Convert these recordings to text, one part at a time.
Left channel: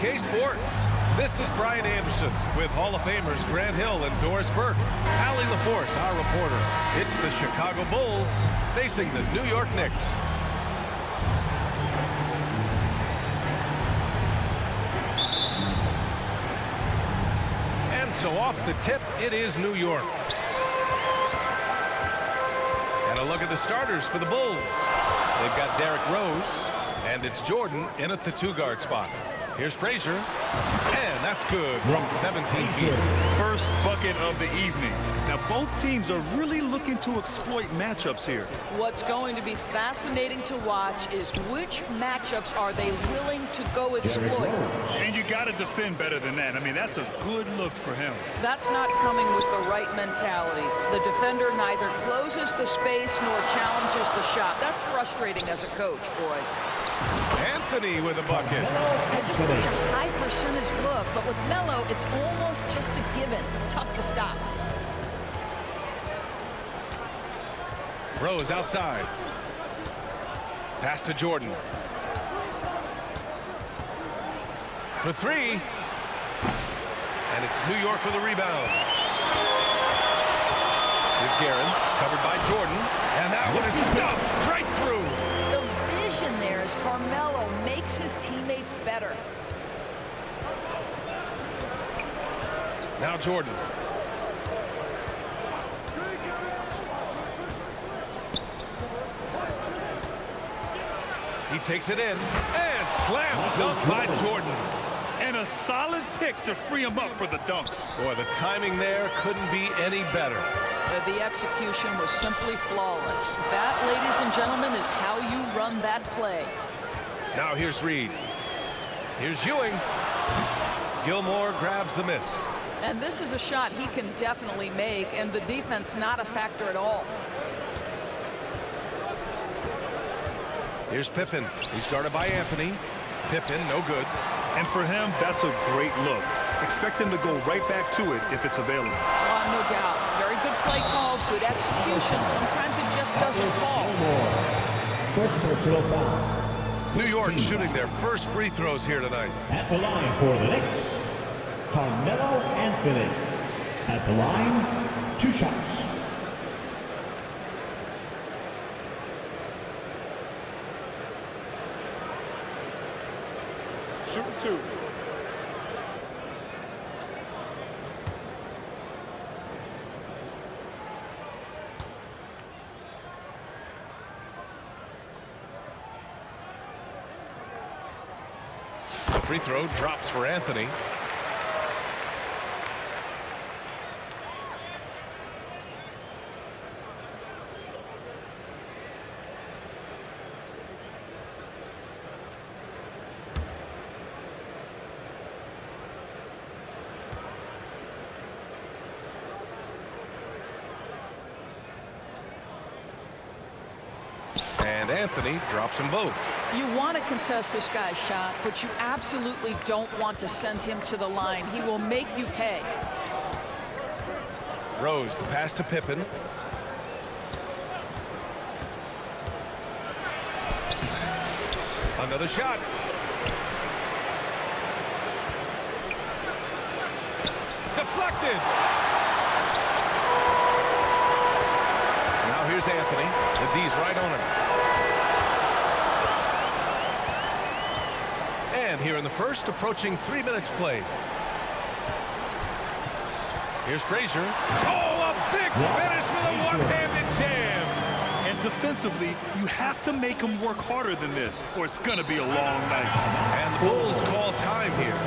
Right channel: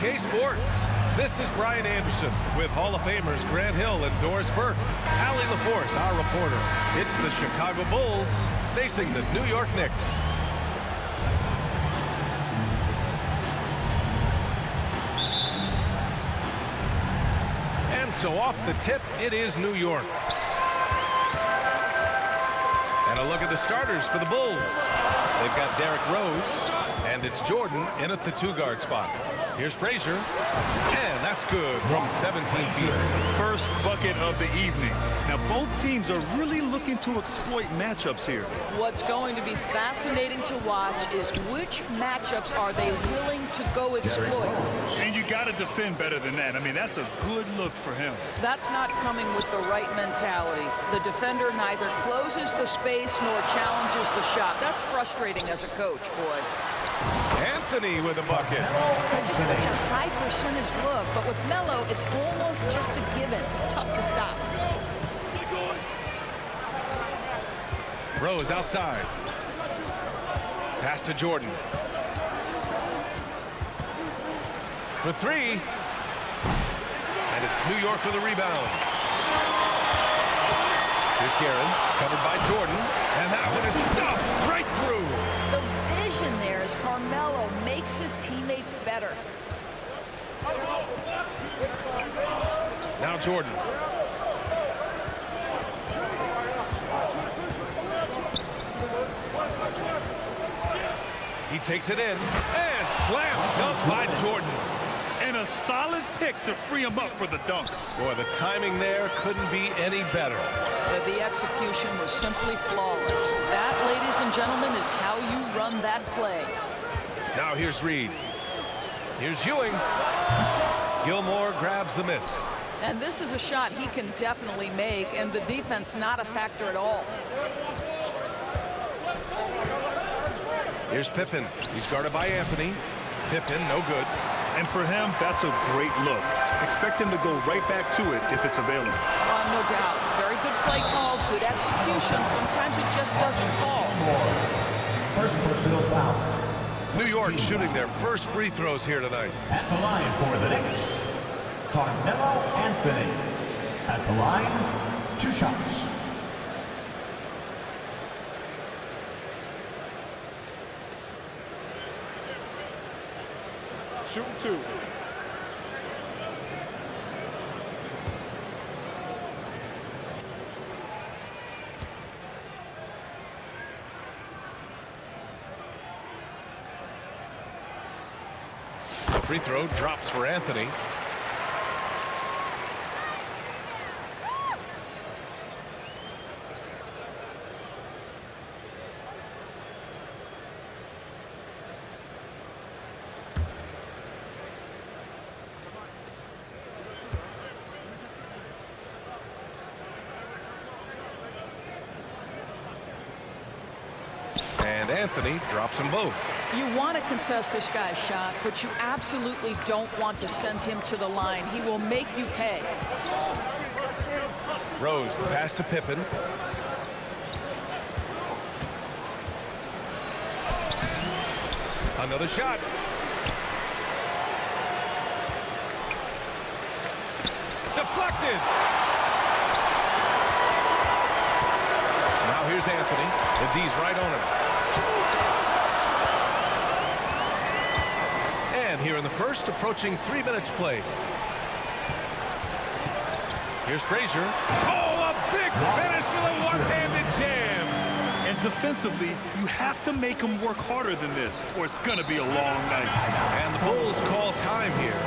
2K Sports. This is Brian Anderson with Hall of Famers Grant Hill and Doris Burke. Allie LaForce, our reporter. It's the Chicago Bulls facing the New York Knicks. And so off the tip, it is New York. And a look at the starters for the Bulls. They've got Derrick Rose, and it's Jordan in at the two-guard spot. Here's Frazier, and that's good from 17 feet. First bucket of the evening. Now, both teams are really looking to exploit matchups here. What's going to be fascinating to watch is which matchups are they willing to go exploit. And you got to defend better than that. I mean, that's a good look for him. That's not coming with the right mentality. The defender neither closes the space nor challenges the shot. That's frustrating as a coach, boy. Anthony with a bucket. They're just such a high percentage look, but with Melo, it's almost just a given. Tough to stop. Rose outside. Pass to Jordan. For three. And it's New York with a rebound. Here's Guerin, covered by Jordan. And that one is stuffed right through. The vision there as Carmelo makes his teammates better. Now Jordan. He takes it in and slam dunk by Jordan. And a solid pick to free him up for the dunk. Boy, the timing there couldn't be any better. The execution was simply flawless. That, ladies and gentlemen, is how you run that play. Now here's Reed. Here's Ewing. Gilmore grabs the miss. And this is a shot he can definitely make, and the defense not a factor at all. Here's Pippen. He's guarded by Anthony. Pippen, no good. And for him, that's a great look. Expect him to go right back to it if it's available. No doubt. Very good play call, good execution. Sometimes it just doesn't fall. First personal foul. New York shooting their first free throws here tonight. At the line for the Knicks, Carmelo Anthony. At the line, 2 shots. Shooting 2. The free throw drops for Anthony. And Anthony drops them both. You want to contest this guy's shot, but you absolutely don't want to send him to the line. He will make you pay. Rose, the pass to Pippen. Another shot. Deflected. Now here's Anthony. The D's right on him. And here in the first, approaching 3 minutes played. Here's Frazier. Oh, a big finish with a one-handed jam. And defensively, you have to make him work harder than this, or it's going to be a long night. And the Bulls call time here.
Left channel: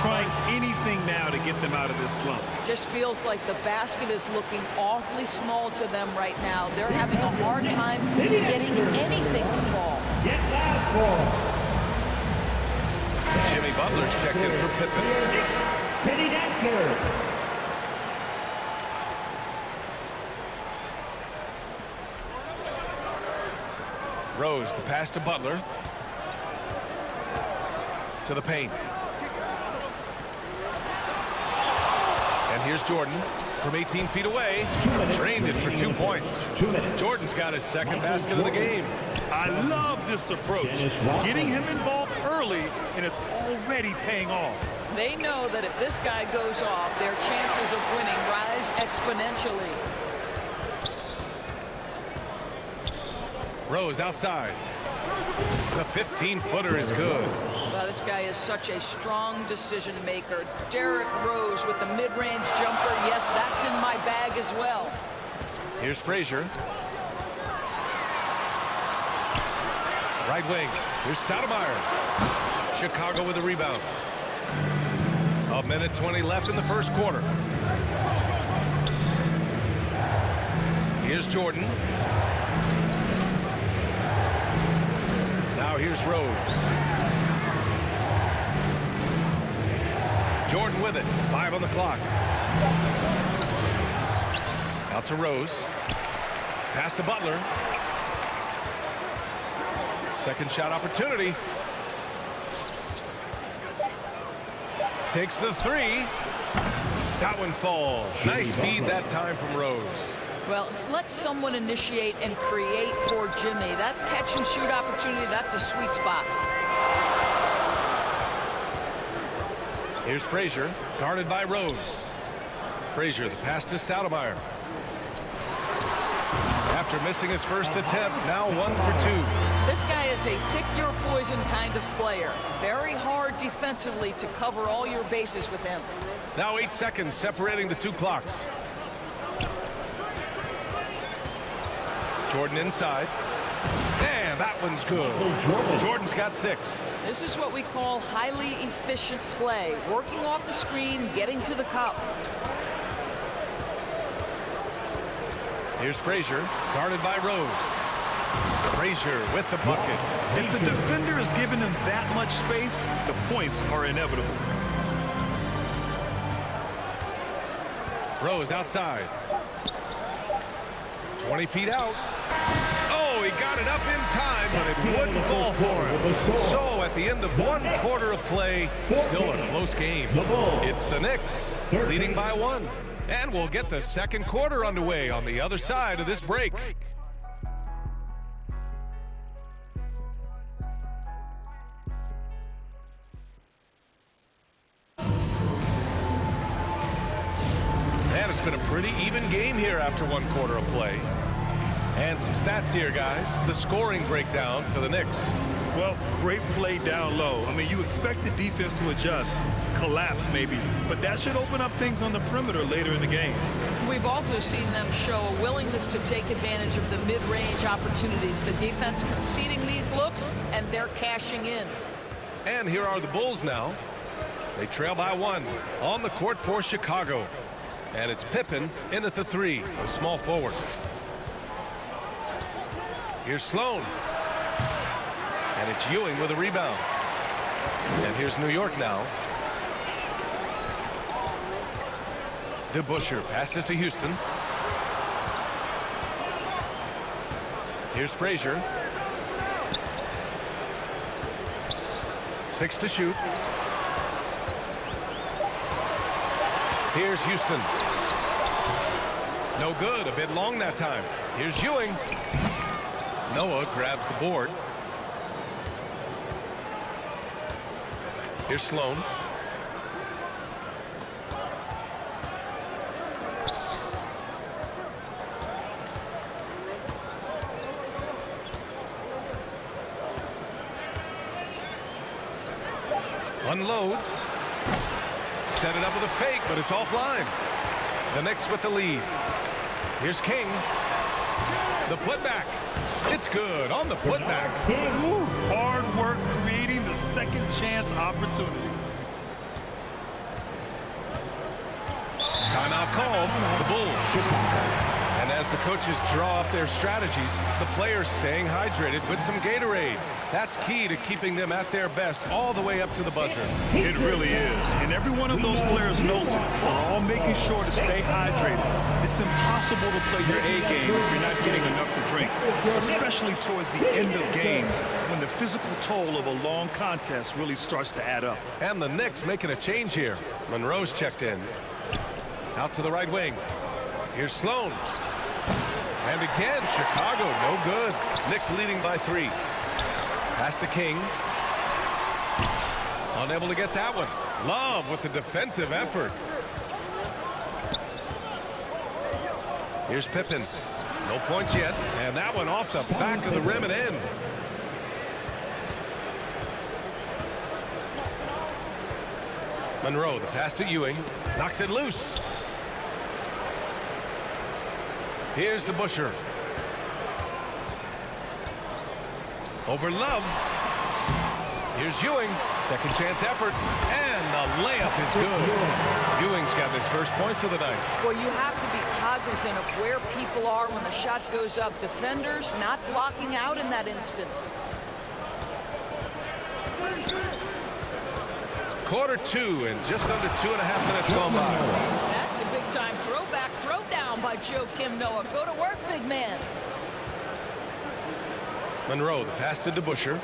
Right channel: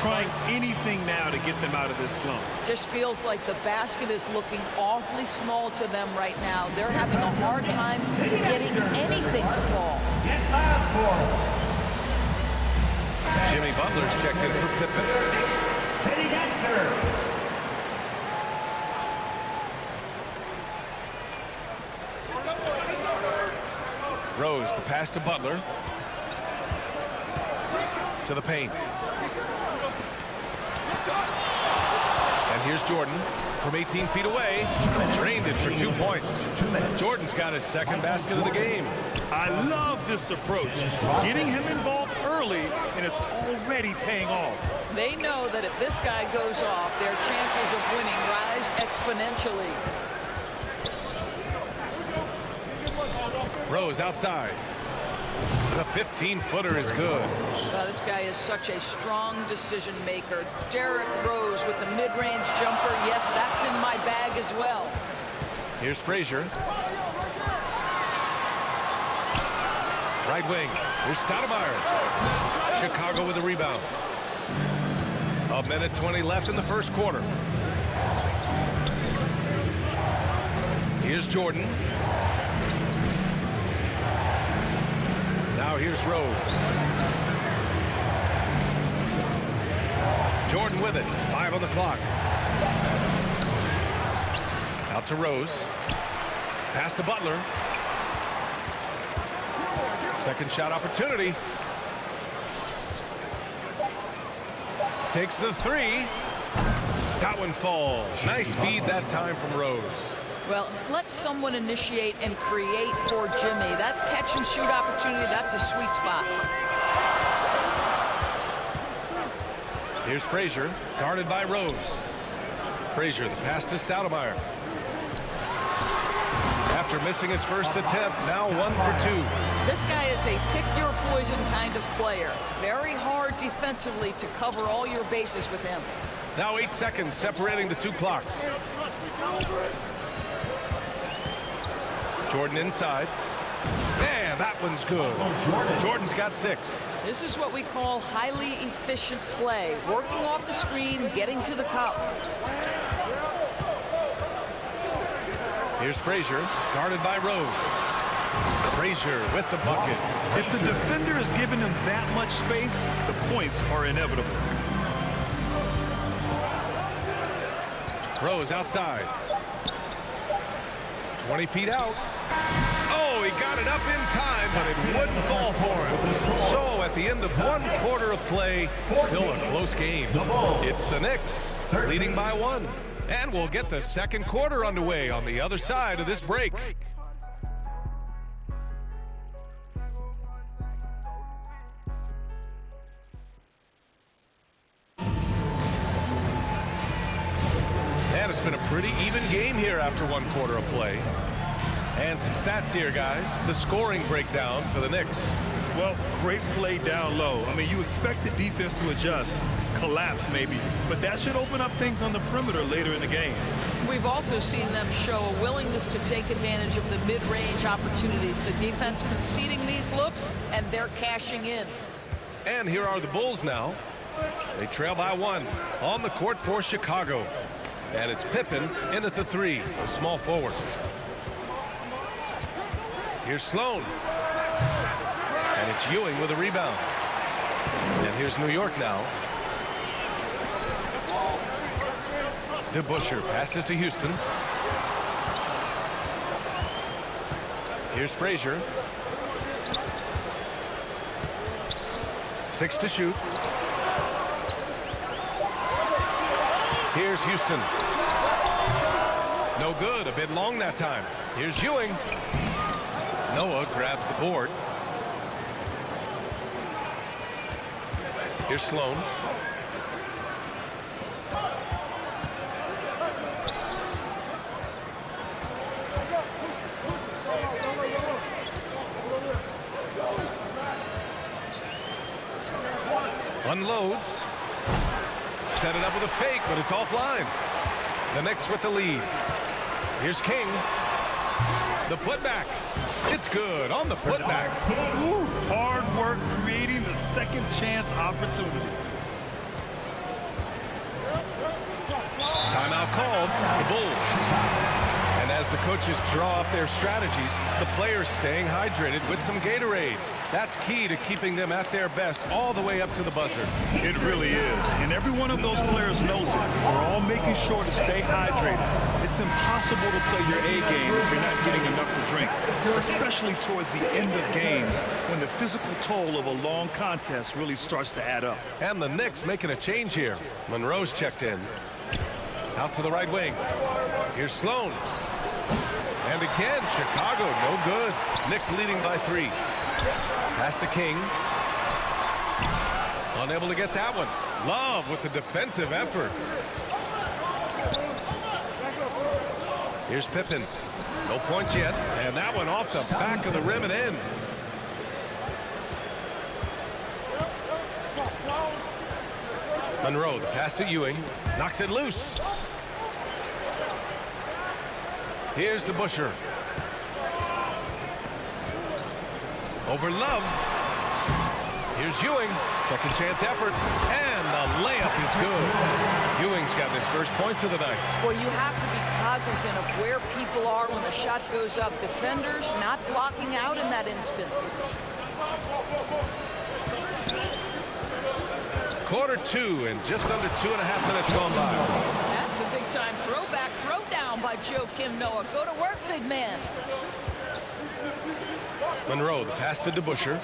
Trying anything now to get them out of this slump. Just feels like the basket is looking awfully small to them right now. They're having a hard time getting anything to fall. Get loud for him. Jimmy Butler's checked in for Pippen. City dancer. Rose, the pass to Butler. To the paint. And here's Jordan from 18 feet away. Drained it for 2 points. 2 minutes. Jordan's got his second basket of the game. I love this approach. Getting him involved early. early, and it's already paying off. They know that if this guy goes off, their chances of winning rise exponentially. Rose outside. The 15-footer is good. Well, this guy is such a strong decision maker. Derrick Rose with the mid-range jumper. Yes, that's in my bag as well. Here's Frazier. Right wing. Here's Stoudemire. Chicago with the rebound. 1:20 left in the first quarter. Here's Jordan. Now here's Rose. Jordan with it. 5 on the clock. Out to Rose. Pass to Butler. Second shot opportunity. Takes the three. That one falls. Nice feed that time from Rose. Well, let someone initiate and create for Jimmy. That's catch and shoot opportunity. That's a sweet spot. Here's Frazier, guarded by Rose. Frazier, the pass to Stoudemire. After missing his first attempt, now 1 for 2. This guy is a pick-your-poison kind of player. Very hard defensively to cover all your bases with him. Now 8 seconds separating the two clocks. Jordan inside. And that one's good. Jordan's got 6. This is what we call highly efficient play. Working off the screen, getting to the cup. Here's Frazier, guarded by Rose. Frazier with the bucket. If the defender is giving him that much space, the points are inevitable. Rose outside. 20 feet out. Oh, he got it up in time, but it wouldn't fall for him. So at the end of 1 quarter of play, still a close game. It's the Knicks leading by 1. And we'll get the second quarter underway on the other side of this break. And it's been a pretty even game here after 1 quarter of play. And some stats here, guys. The scoring breakdown for the Knicks. Well, great play down low. I mean, you expect the defense to adjust, collapse maybe, but that should open up things on the perimeter later in the game. We've also seen them show a willingness to take advantage of the mid-range opportunities. The defense conceding these looks, and they're cashing in. And here are the Bulls now. They trail by 1 on the court for Chicago. And it's Pippen in at the 3, a small forward. Here's Sloan. And it's Ewing with a rebound. And here's New York now. DeBusschere passes to Houston. Here's Frazier. 6 to shoot. Here's Houston. No good. A bit long that time. Here's Ewing. Noah grabs the board. Here's Sloan. Unloads. Set it up with a fake, but it's offline. The Knicks with the lead. Here's King. The putback. It's good on the putback. Ooh, hard work creating the second chance opportunity. Timeout called. The Bulls. And as the coaches draw up their strategies, the players staying hydrated with some Gatorade. That's key to keeping them at their best all the way up to the buzzer. It really is. And every one of those players knows it. We're all making sure to stay hydrated. It's impossible to play your A game if you're not getting enough to drink, especially towards the end of games when the physical toll of a long contest really starts to add up. And the Knicks making a change here. Monroe's checked in. Out to the right wing. Here's Sloan. And again, Chicago, no good. Knicks leading by 3. Pass to King. Unable to get that one. Love with the defensive effort. Here's Pippen. No points yet. And that one off the back of the rim and in. Monroe, the pass to Ewing. Knocks it loose. Here's to Busher. Over Love. Here's Ewing. Second chance effort. And the layup is good. Ewing's got his first points of the night. Well, you have to be cognizant of where people are when the shot goes up. Defenders not blocking out in that instance. Quarter two and just under 2.5 minutes gone by. That's a big-time throwback, throwdown by Joakim Noah. Go to work, big man. Monroe, the pass to DeBuscher.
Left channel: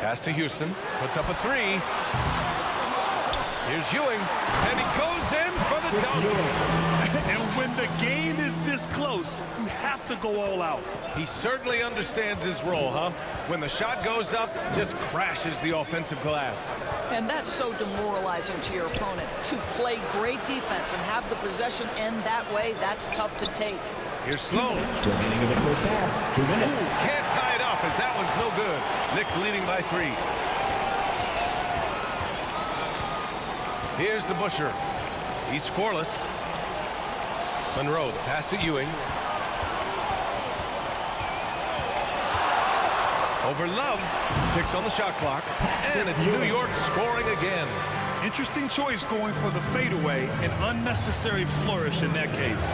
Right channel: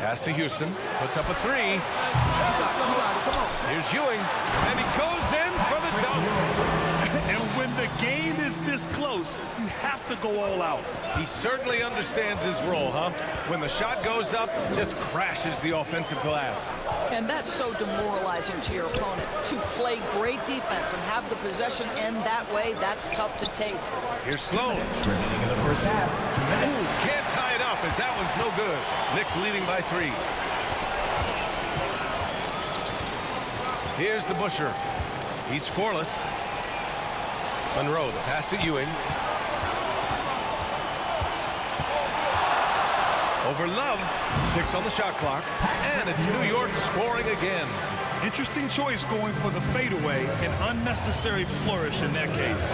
Pass to Houston. Puts up a three. Here's Ewing. And he goes in for the dunk. And when the game is this close, you have to go all out. He certainly understands his role, huh? When the shot goes up, just crashes the offensive glass. And that's so demoralizing to your opponent. To play great defense and have the possession end that way, that's tough to take. Here's Sloan. Remaining in the first half, 2 minutes. Ooh, can't tie it up as that one's no good. Knicks leading by 3. Here's DeBuscher. He's scoreless. Monroe, the pass to Ewing. Over Love. 6 on the shot clock. And it's New York scoring again. Interesting choice going for the fadeaway. An unnecessary flourish in that case.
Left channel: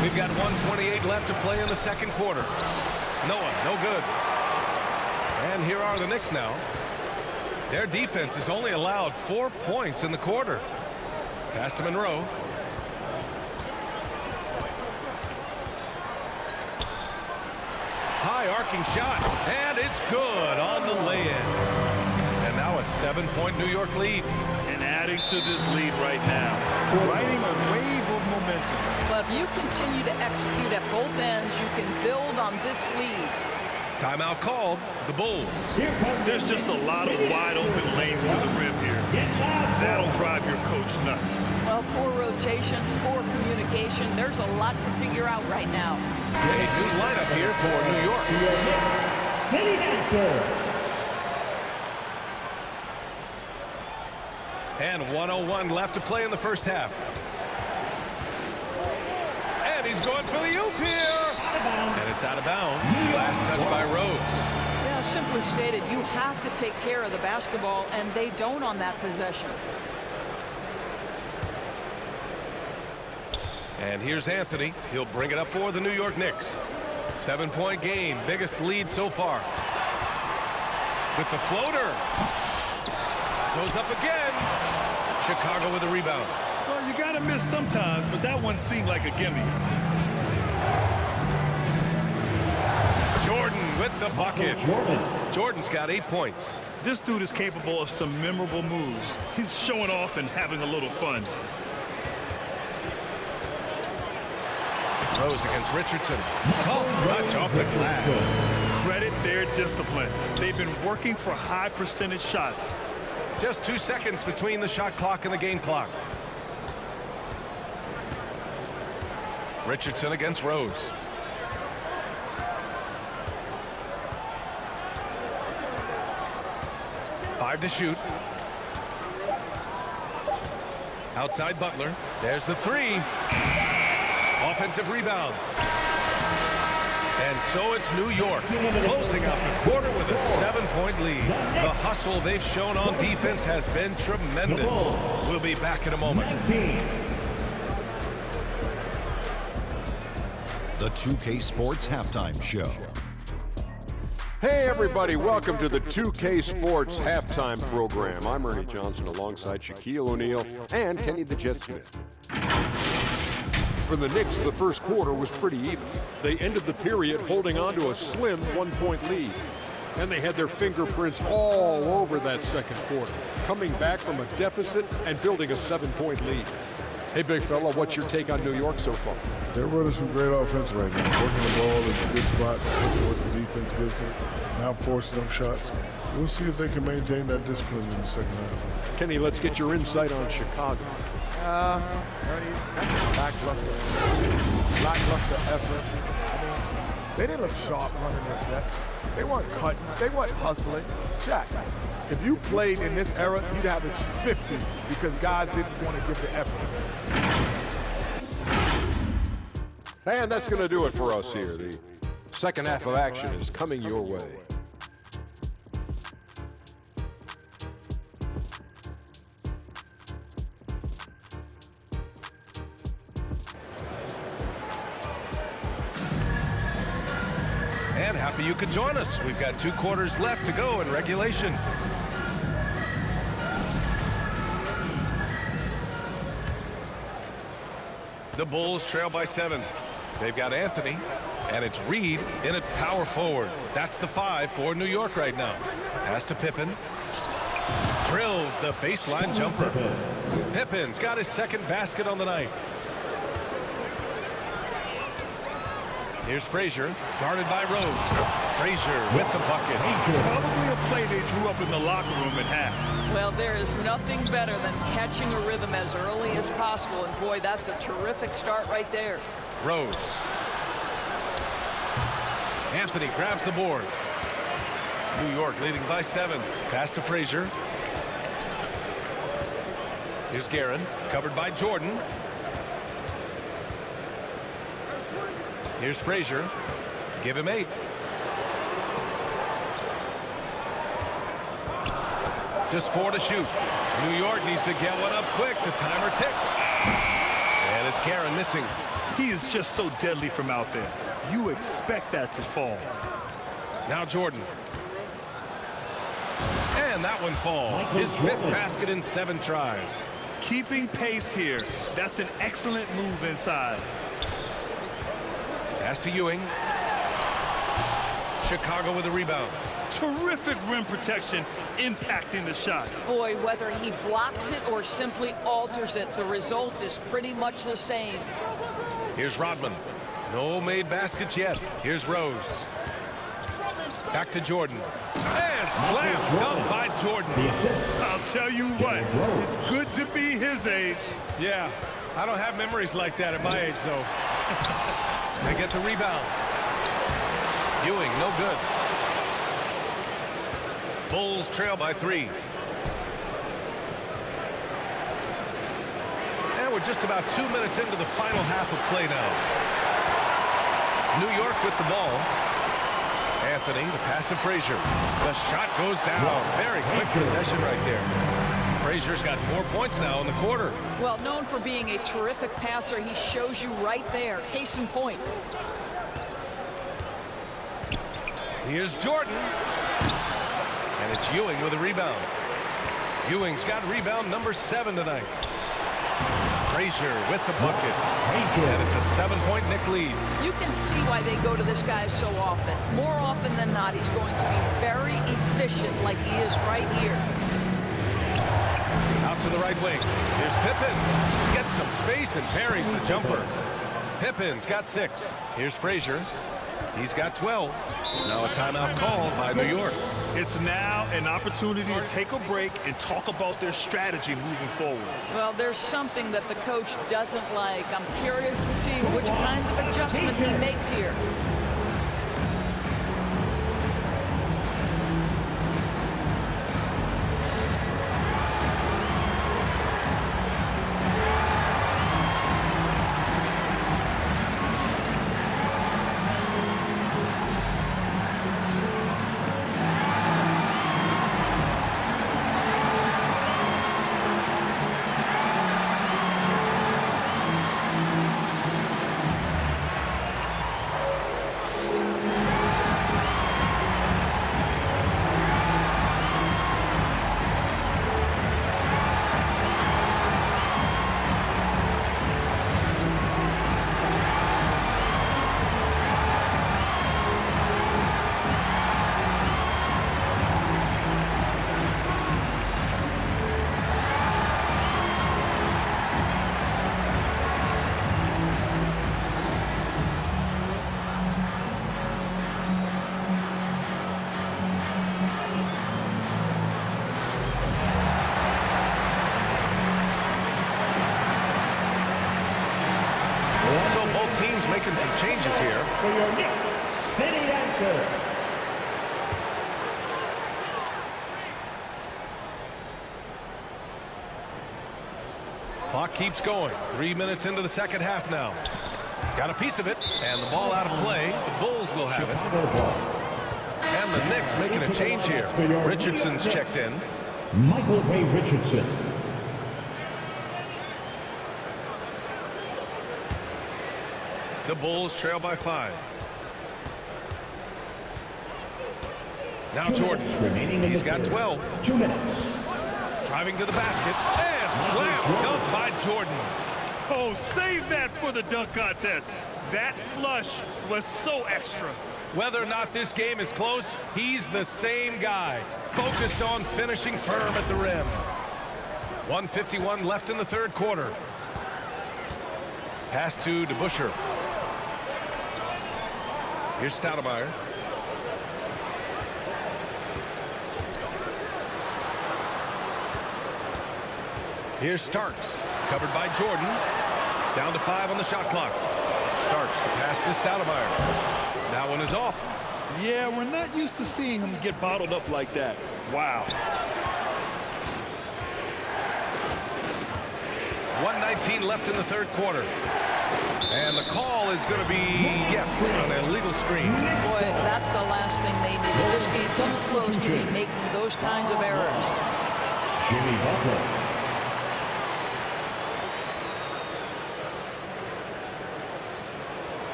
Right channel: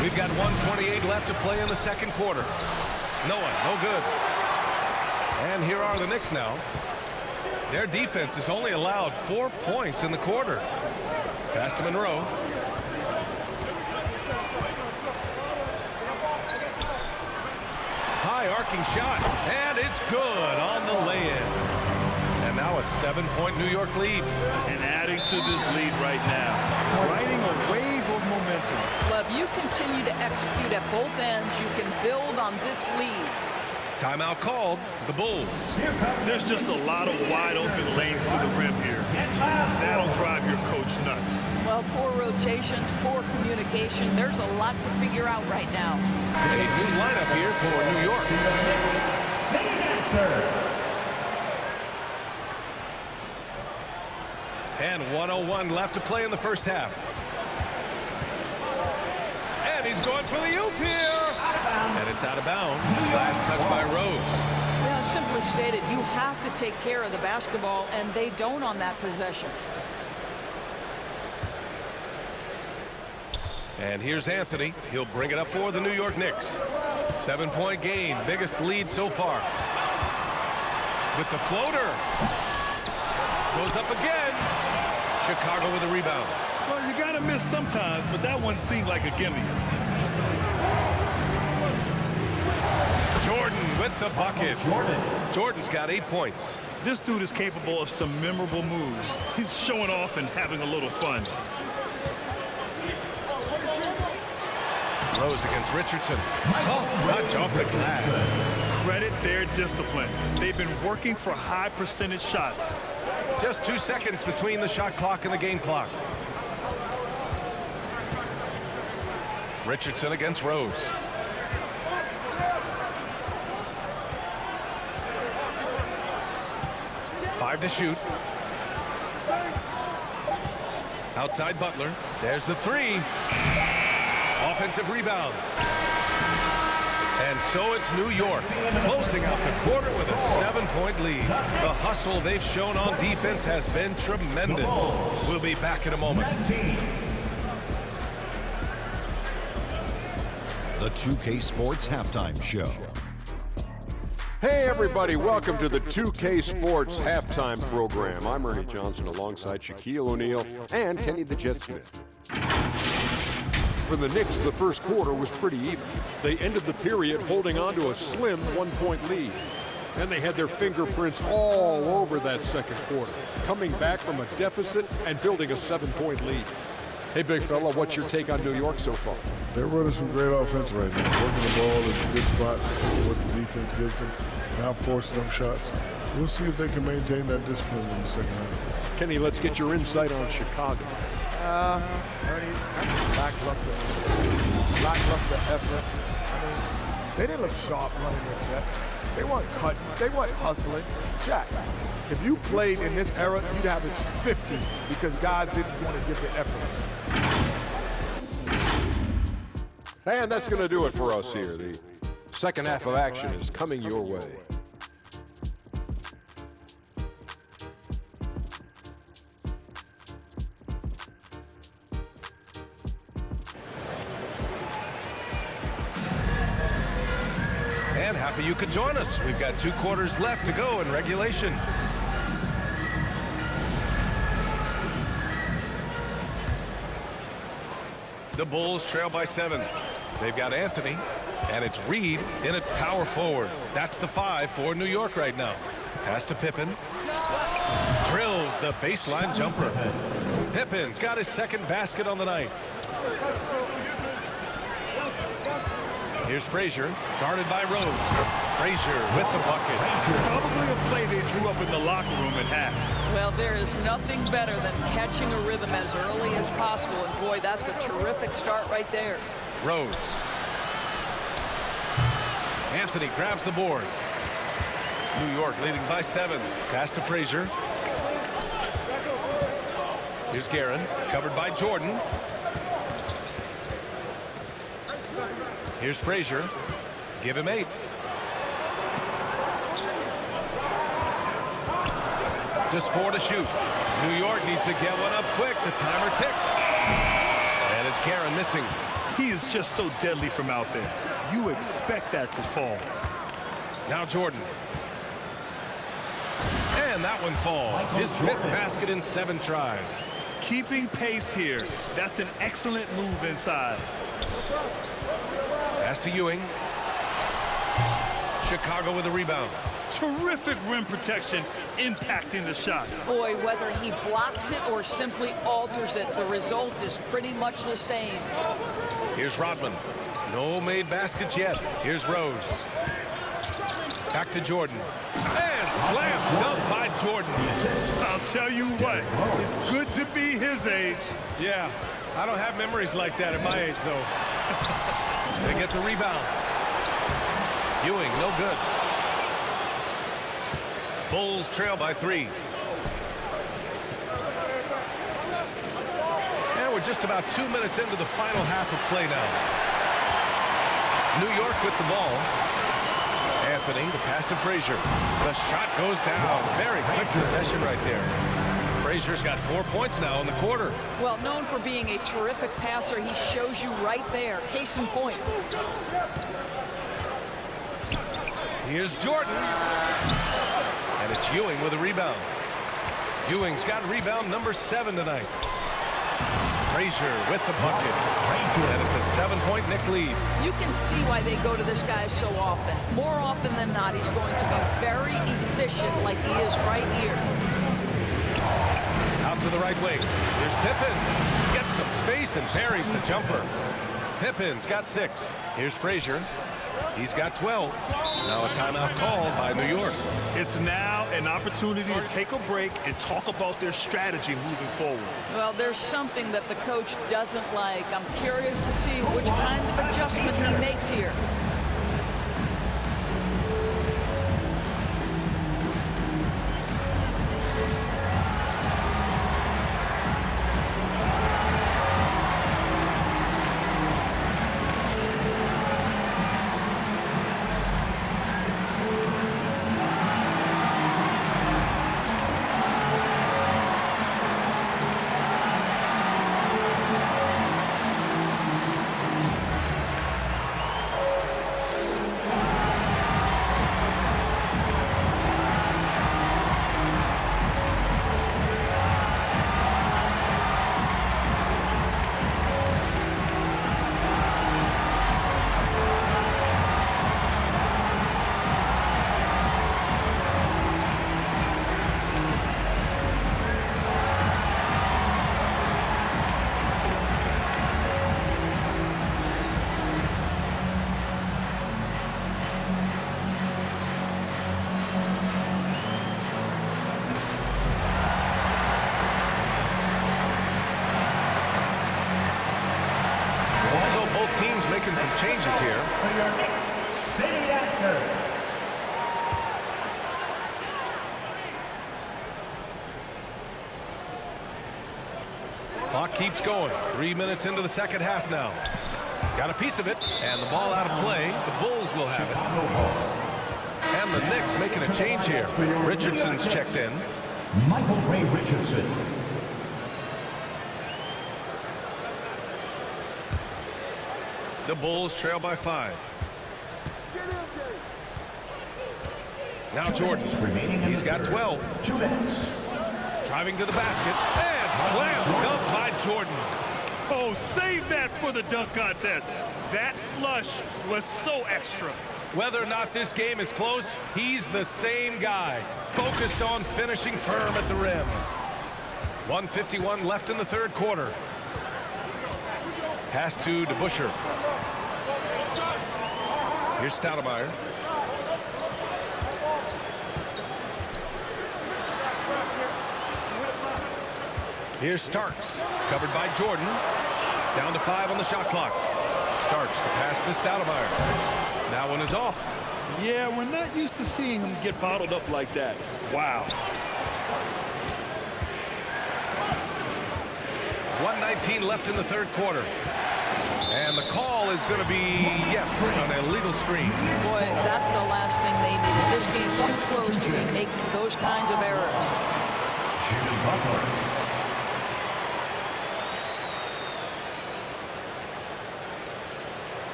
We've got 1:28 left to play in the second quarter. Noah, no good. And here are the Knicks now. Their defense has only allowed 4 points in the quarter. Pass to Monroe. High arcing shot. And it's good on the lay-in. And now a 7-point New York lead. And adding to this lead right now. Riding a wave of momentum. But if you continue to execute at both ends, you can build on this lead. Timeout called. The Bulls. There's just a lot of wide open lanes to the rim here. That'll drive your coach nuts. Well, poor rotations, poor communication. There's a lot to figure out right now. A new lineup here for New York. City Dancer. And 1:01 left to play in the first half. And he's going for the oop here. And it's out of bounds. Last touch by Rose. Yeah, simply stated, you have to take care of the basketball, and they don't on that possession. And here's Anthony. He'll bring it up for the New York Knicks. 7-point game. Biggest lead so far. With the floater. Goes up again. Chicago with a rebound. Well, you got to miss sometimes, but that one seemed like a gimme. Jordan with the bucket. Jordan's got 8 points. This dude is capable of some memorable moves. He's showing off and having a little fun. Rose against Richardson. Soft touch off the glass. Credit their discipline. They've been working for high percentage shots. Just 2 seconds between the shot clock and the game clock. Richardson against Rose. Five to shoot. Outside Butler. There's the three. Offensive rebound. And so it's New York closing out the quarter with a 7-point lead. The hustle they've shown on defense has been tremendous. We'll be back in a moment. The 2K Sports Halftime Show. Hey everybody, welcome to the 2K Sports Halftime Program. I'm Ernie Johnson alongside Shaquille O'Neal and Kenny the Jet Smith. For the Knicks, the first quarter was pretty even. They ended the period holding on to a slim 1-point lead. And they had their fingerprints all over that second quarter, coming back from a deficit and building a 7-point lead. Hey, big fella, what's your take on New York so far? They're running some great offense right now. Working the ball in good spots, taking what the defense gives them, not forcing them shots. We'll see if they can maintain that discipline in the second half. Kenny, let's get your insight on Chicago. Ernie, that's a lackluster effort. I mean, they didn't look sharp running their sets. They weren't cutting. They weren't hustling. Shaq, if you played in this era, you'd average 50 because guys didn't want to give the effort. And that's going to do it for us here. The second half of action is coming your way. And happy you could join us. We've got 2 quarters left to go in regulation. The Bulls trail by 7. They've got Anthony, and it's Reed in at power forward. That's the 5 for New York right now. Pass to Pippen. Drills the baseline jumper. Pippen's got his second basket on the night. Here's Frazier, guarded by Rose. Frazier with the bucket. Probably a play they drew up in the locker room at half. Well, there is nothing better than catching a rhythm as early as possible, and boy, that's a terrific start right there. Rose. Anthony grabs the board. New York leading by 7. Pass to Frazier. Here's Guerin, covered by Jordan. Here's Frazier. Give him 8. Just 4 to shoot. New York needs to get one up quick. The timer ticks. And it's Guerin missing. He is just so deadly from out there. You expect that to fall. Now Jordan. And that one falls. His 5th basket in 7 tries. Keeping pace here. That's an excellent move inside. Pass to Ewing. Chicago with a rebound. Terrific rim protection, impacting the shot. Boy, whether he blocks it or simply alters it, the result is pretty much the same. Here's Rodman. No made baskets yet. Here's Rose. Back to Jordan. And slam dunk by Jordan. I'll tell you what, it's good to be his age. Yeah, I don't have memories like that at my age, though. They get the rebound. Ewing, no good. Bulls trail by 3. And we're just about 2 minutes into the final half of play now. New York with the ball. Anthony, the pass to Frazier. The shot goes down. Very quick possession right there. Frazier's got 4 points now in the quarter. Well, known for being a terrific passer, he shows you right there. Case in point. Here's Jordan. And it's Ewing with a rebound. Ewing's got rebound number 7 tonight. Frazier with the bucket. And it's a 7-point Knick lead. You can see why they go to this guy so often. More often than not, he's going to be very efficient like he is right here. Out to the right wing. Here's Pippen. Gets some space and parries the jumper. Pippen's got 6. Here's Frazier. He's got 12. Now a timeout called by New York. It's now an opportunity to take a break and talk about their strategy moving forward. Well, there's something that the coach doesn't like. I'm curious to see which kind of adjustment he makes here. Both teams making some changes here. For your Knicks, city answer. Clock keeps going. 3 minutes into the second half now. Got a piece of it, and the ball out of play. The Bulls will have it. And the Knicks making a change here. Richardson's checked in. Michael Ray Richardson. The Bulls trail by 5. Now Jordan. He's got 12. 2 minutes. Driving to the basket. And slam dunk by Jordan. Oh, save that for the dunk contest. That flush was so extra. Whether or not this game is close, he's the same guy. Focused on finishing firm at the rim. 1:51 left in the third quarter. Pass to DeBusschere. Here's Stoudemire. Here's Starks, covered by Jordan. Down to 5 on the shot clock. Starks, the pass to Stoudemire. That one is off. Yeah, we're not used to seeing him get bottled up like that. Wow. 1:19 left in the third quarter. And the call is going to be, yes, an illegal screen. Boy, that's the last thing they needed. This game's too close to be making those kinds of errors. Jimmy Butler.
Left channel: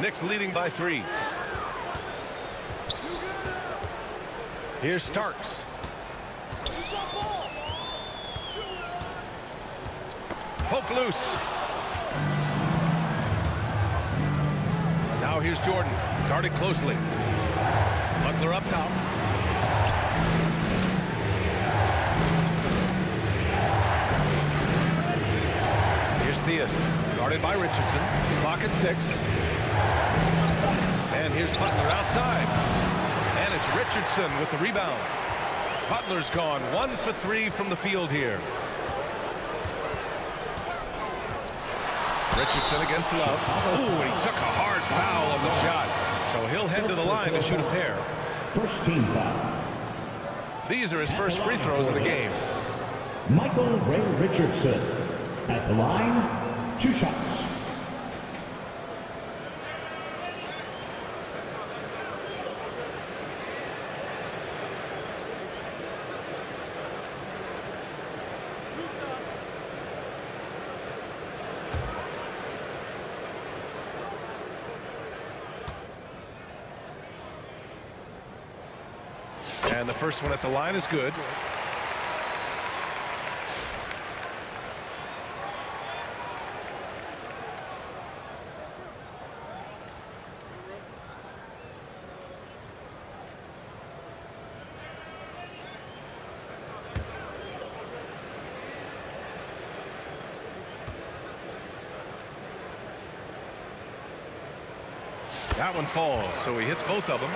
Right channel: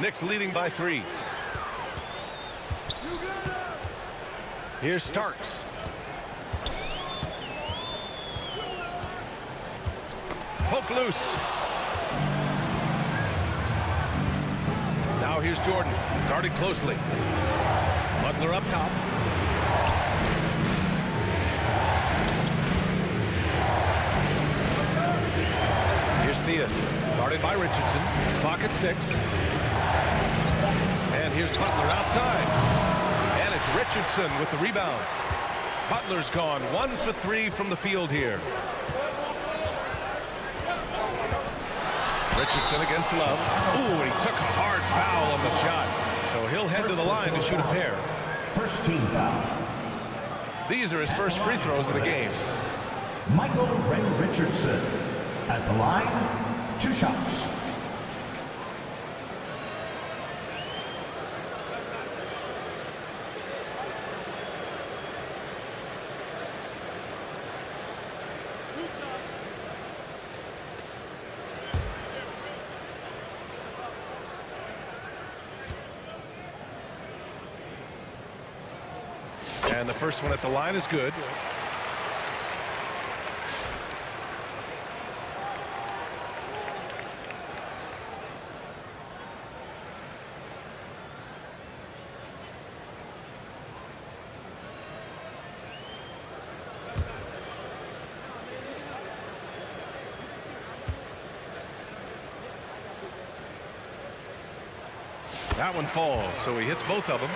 Knicks leading by 3. Here's Starks. Poke loose. Now here's Jordan, guarded closely. Butler up top. Here's Theus, guarded by Richardson. Clock at 6. And here's Butler outside. And it's Richardson with the rebound. Butler's gone 1 for 3 from the field here. Richardson against Love. Ooh, and he took a hard foul on the shot. So he'll head to the line to shoot a pair. First team foul. These are his first free throws of the game. Michael Ray Richardson. At the line, 2 shots. And the first one at the line is good. That one falls, so he hits both of them.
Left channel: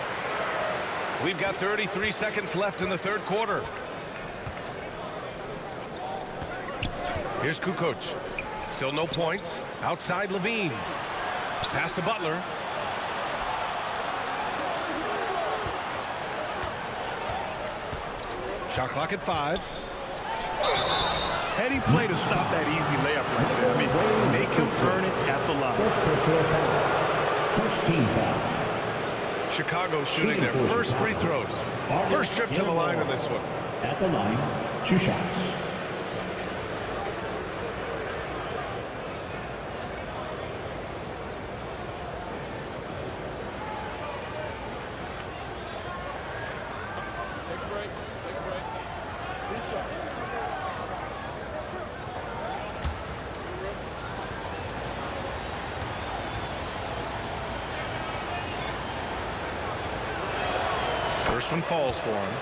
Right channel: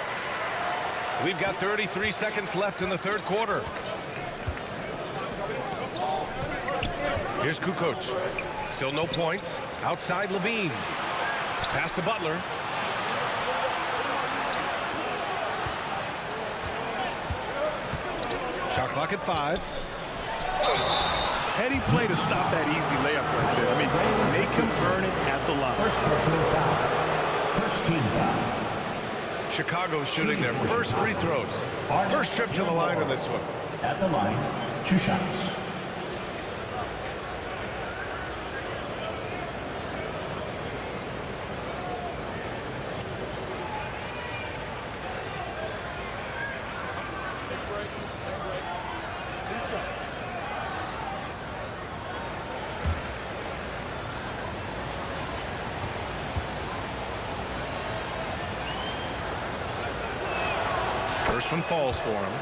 We've got 33 seconds left in the third quarter. Here's Kukoc. Still no points. Outside Levine. Pass to Butler. Shot clock at 5. Heady play to stop that easy layup right there. I mean, make him earn it at the line. First personal foul. First team foul. Chicago shooting their first free throws. First trip to the line in this one. At the line, 2 shots. Take a break. Take a break. 2 shots. First one falls for him.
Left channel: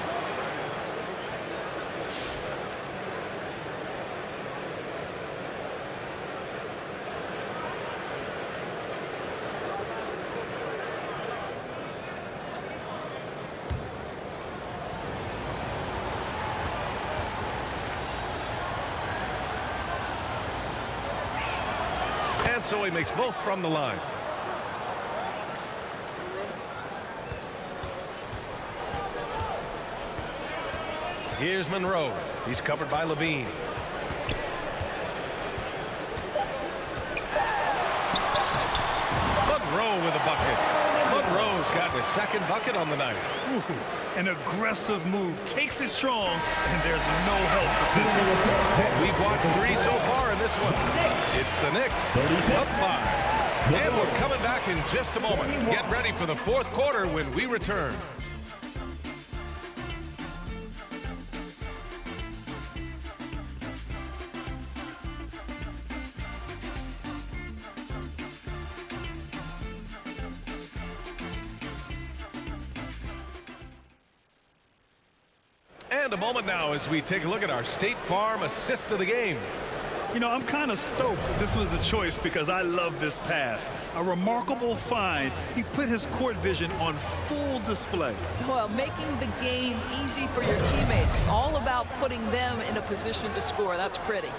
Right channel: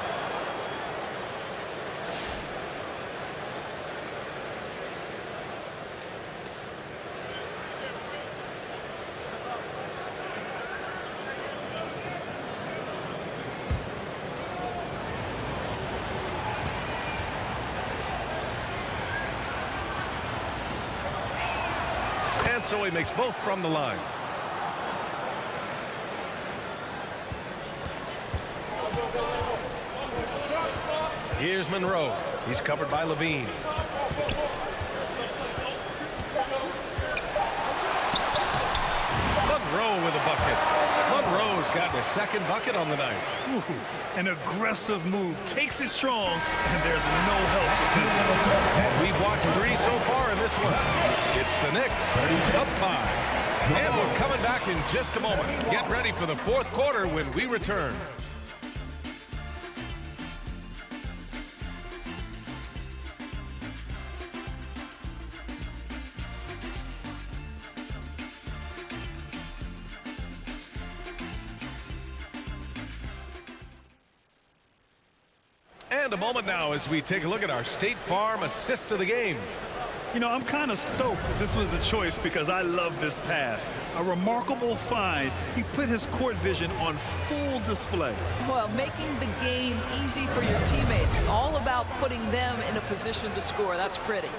And so he makes both from the line. Here's Monroe. He's covered by Levine. Monroe with a bucket. Monroe's gotten his second bucket on the night. Ooh, an aggressive move. Takes it strong, and there's no help for And we've watched 3 so far in this one. It's the Knicks up 5. And we're coming back in just a moment. Get ready for the fourth quarter when we return. And a moment now as we take a look at our State Farm assist of the game. You know, I'm kind of stoked that this was a choice because I love this pass. A remarkable find. He put his court vision on full display. Well, making the game easy for your teammates. All about putting them in a position to score. That's pretty.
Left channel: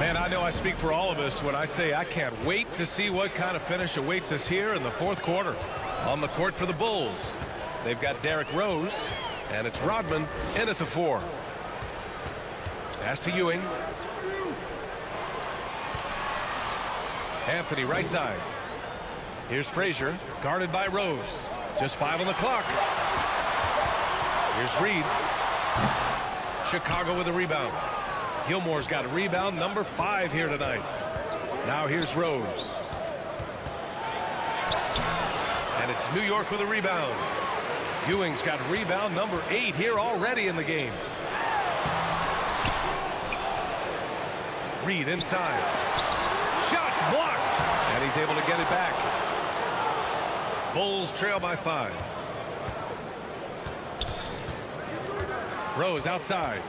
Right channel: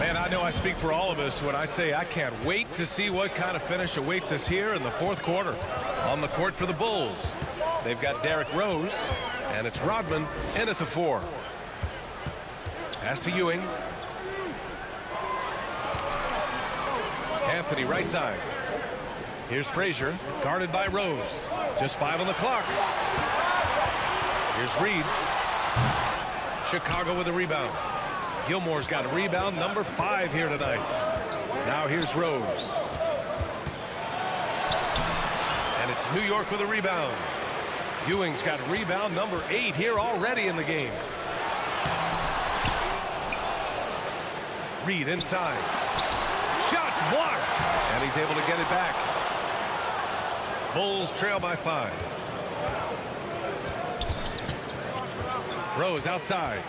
Man, I know I speak for all of us when I say I can't wait to see what kind of finish awaits us here in the fourth quarter. On the court for the Bulls, they've got Derrick Rose, and it's Rodman in at the 4. Pass to Ewing. Anthony right side. Here's Frazier, guarded by Rose. Just 5 on the clock. Here's Reed. Chicago with a rebound. Gilmore's got a rebound, number 5 here tonight. Now here's Rose. And it's New York with a rebound. Ewing's got a rebound, number 8 here already in the game. Reed inside. Shot's blocked. And he's able to get it back. Bulls trail by 5. Rose outside.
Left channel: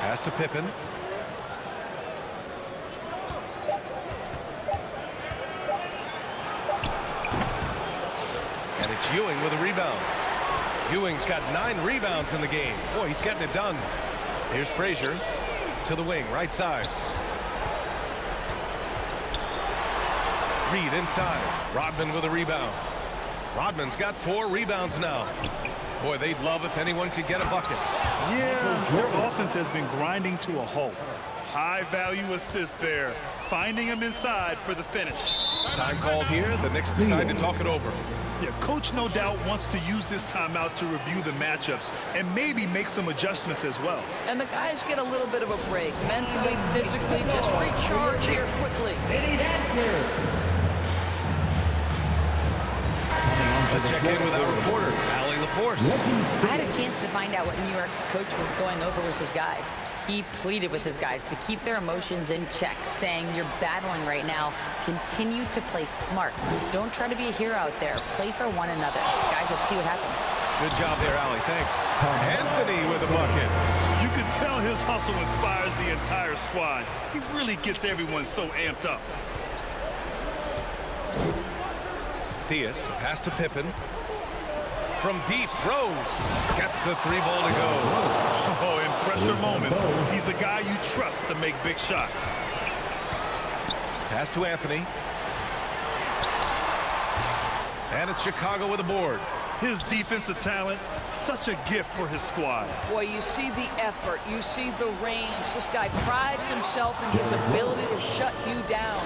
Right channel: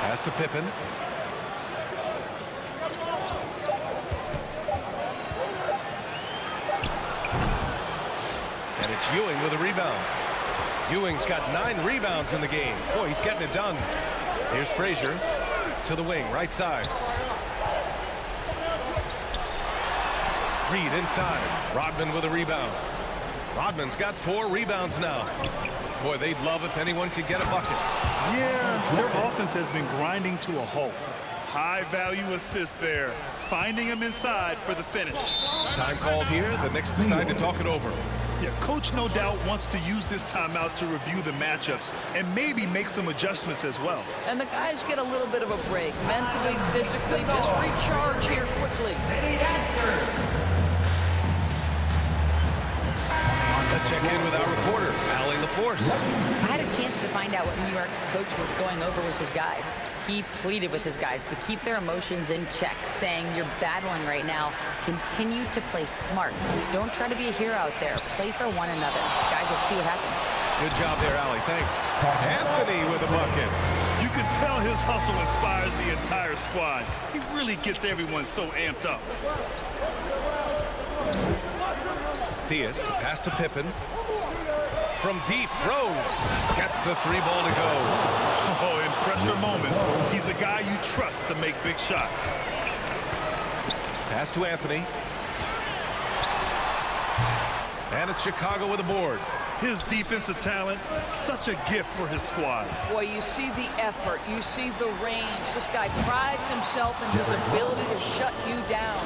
Pass to Pippen. And it's Ewing with a rebound. Ewing's got 9 rebounds in the game. Boy, he's getting it done. Here's Frazier to the wing, right side. Reed inside. Rodman with a rebound. Rodman's got 4 rebounds now. Boy, they'd love if anyone could get a bucket. Yeah, their offense has been grinding to a halt. High-value assist there. Finding him inside for the finish. Time called here. The Knicks decide to talk it over. Yeah, coach no doubt wants to use this timeout to review the matchups and maybe make some adjustments as well. And the guys get a little bit of a break. Mentally, physically, just recharge here quickly. Let's check in with our reporter, Allie LaForce. I had a chance to find out what New York's coach was going over with his guys. He pleaded with his guys to keep their emotions in check, saying, you're battling right now. Continue to play smart. Don't try to be a hero out there. Play for one another. Guys, let's see what happens. Good job there, Allie. Thanks. Anthony with a bucket. You can tell his hustle inspires the entire squad. He really gets everyone so amped up. Diaz, the pass to Pippen. From deep, Rose gets the 3 ball to go. Oh, in pressure moments, he's a guy you trust to make big shots. Pass to Anthony. And it's Chicago with a board. His defensive talent, such a gift for his squad. Boy, you see the effort. You see the range. This guy prides himself in his ability to shut you down.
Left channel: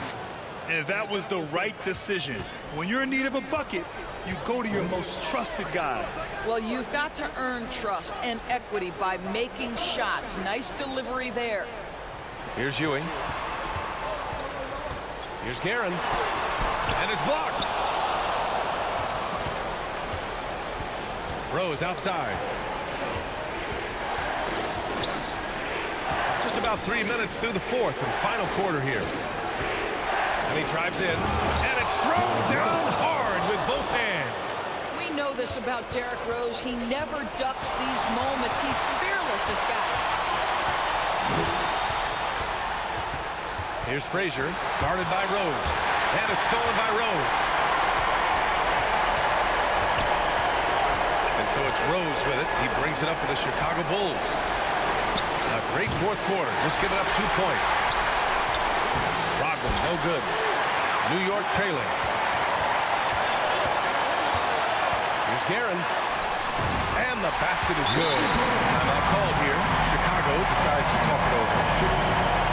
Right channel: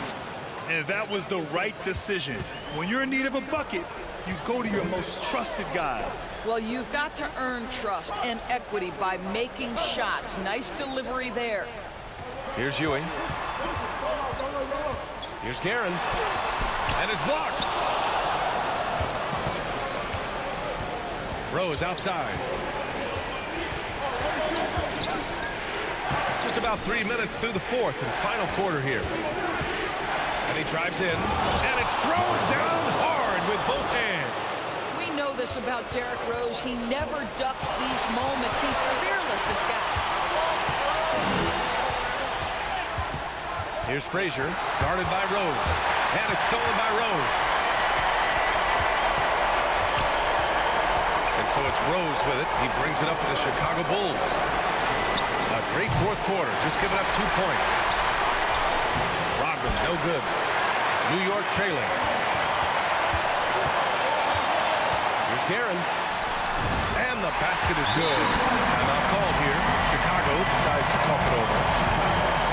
And that was the right decision. When you're in need of a bucket, you go to your most trusted guys. Well, you've got to earn trust and equity by making shots. Nice delivery there. Here's Ewing. Here's Guerin. And it's blocked. Rose outside. Just about 3 minutes through the fourth and final quarter here. And he drives in, and it's thrown down hard with both hands. We know this about Derrick Rose. He never ducks these moments. He's fearless, this guy. Here's Frazier, guarded by Rose. And it's stolen by Rose. And so it's Rose with it. He brings it up for the Chicago Bulls. A great fourth quarter, just giving up 2 points. Rodman, no good. New York trailing. Here's Guerin. And the basket is good. Timeout called here. Chicago decides to talk it over.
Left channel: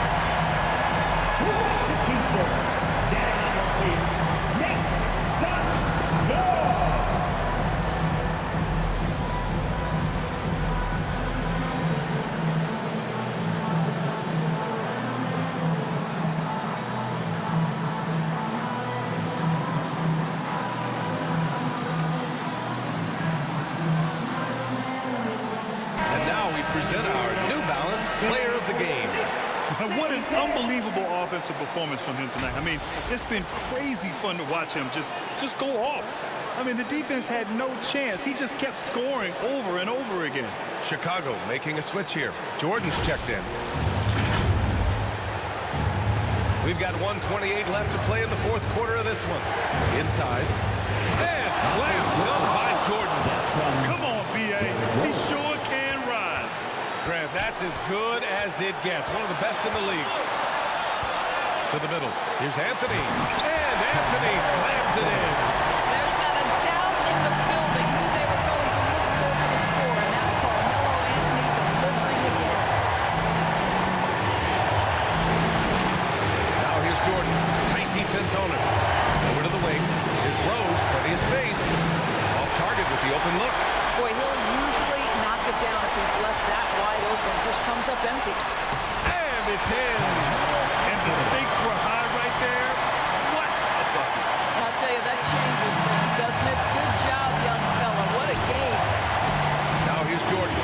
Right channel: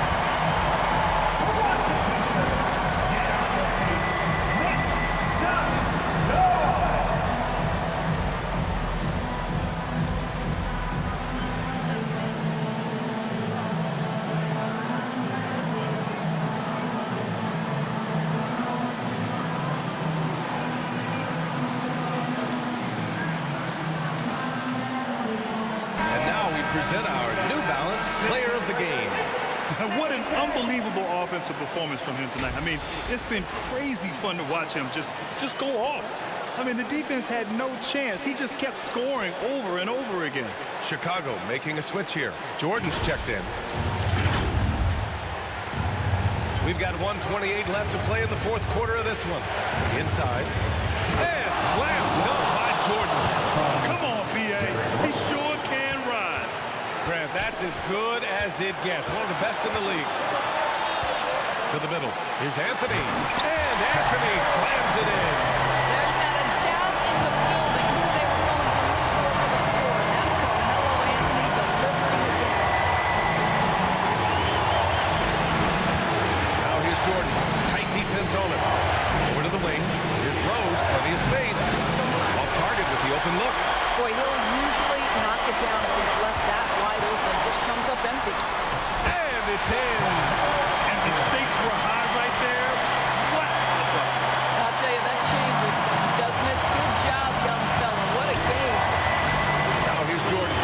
Present our New Balance Player of the Game. What an unbelievable offensive performance from him tonight. I mean, it's been crazy fun to watch him just go off. I mean, the defense had no chance. He just kept scoring over and over again. Chicago making a switch here. Jordan's checked in. We've got 1:28 left to play in the fourth quarter of this one. Inside. And slam dunk by Jordan. Come on, B.A. He sure can rise. Grant, that's as good as it gets. One of the best in the league. To the middle. Here's Anthony. And Anthony slams it in. There's not a doubt in the building who they were going to look for the score, and that's Carmelo Anthony delivering again. Now here's Jordan. Tight defense on him. Over to the wing. Here's Rose. Plenty of space. Off target with the open look. Boy, he'll usually knock it down if he's left that wide open. Just comes up empty. And it's in. And the stakes were high right there. What a bucket. I'll tell you, that changes things, doesn't it? Good job, young fella. What a game. Now here's Jordan.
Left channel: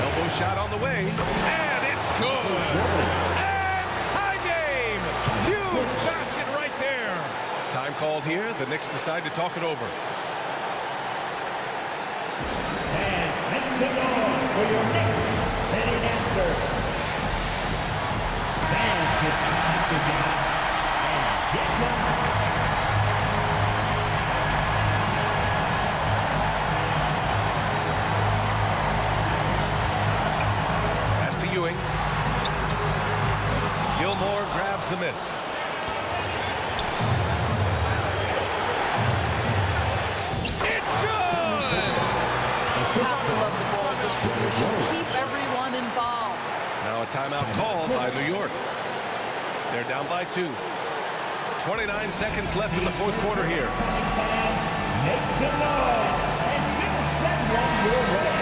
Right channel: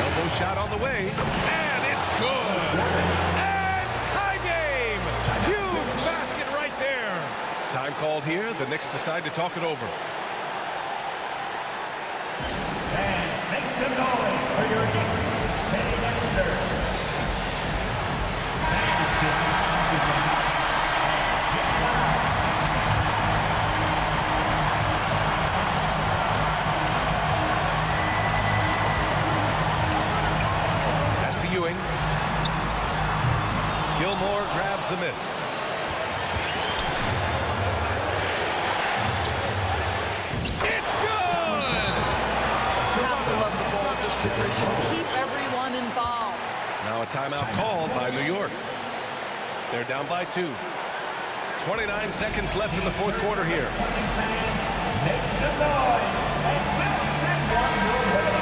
Elbow shot on the way. And it's good. And tie game. Huge basket right there. Time called here. The Knicks decide to talk it over. And make some noise for your Knicks city answer. Fans, it's time to get up and get down. Pass to Ewing. Gilmore grabs the miss. Have to love the ball distribution. Keep everyone involved. Now a timeout called by New York. They're down by 2. 29 seconds left in the fourth quarter here. Fans, make some noise and we'll send one your way.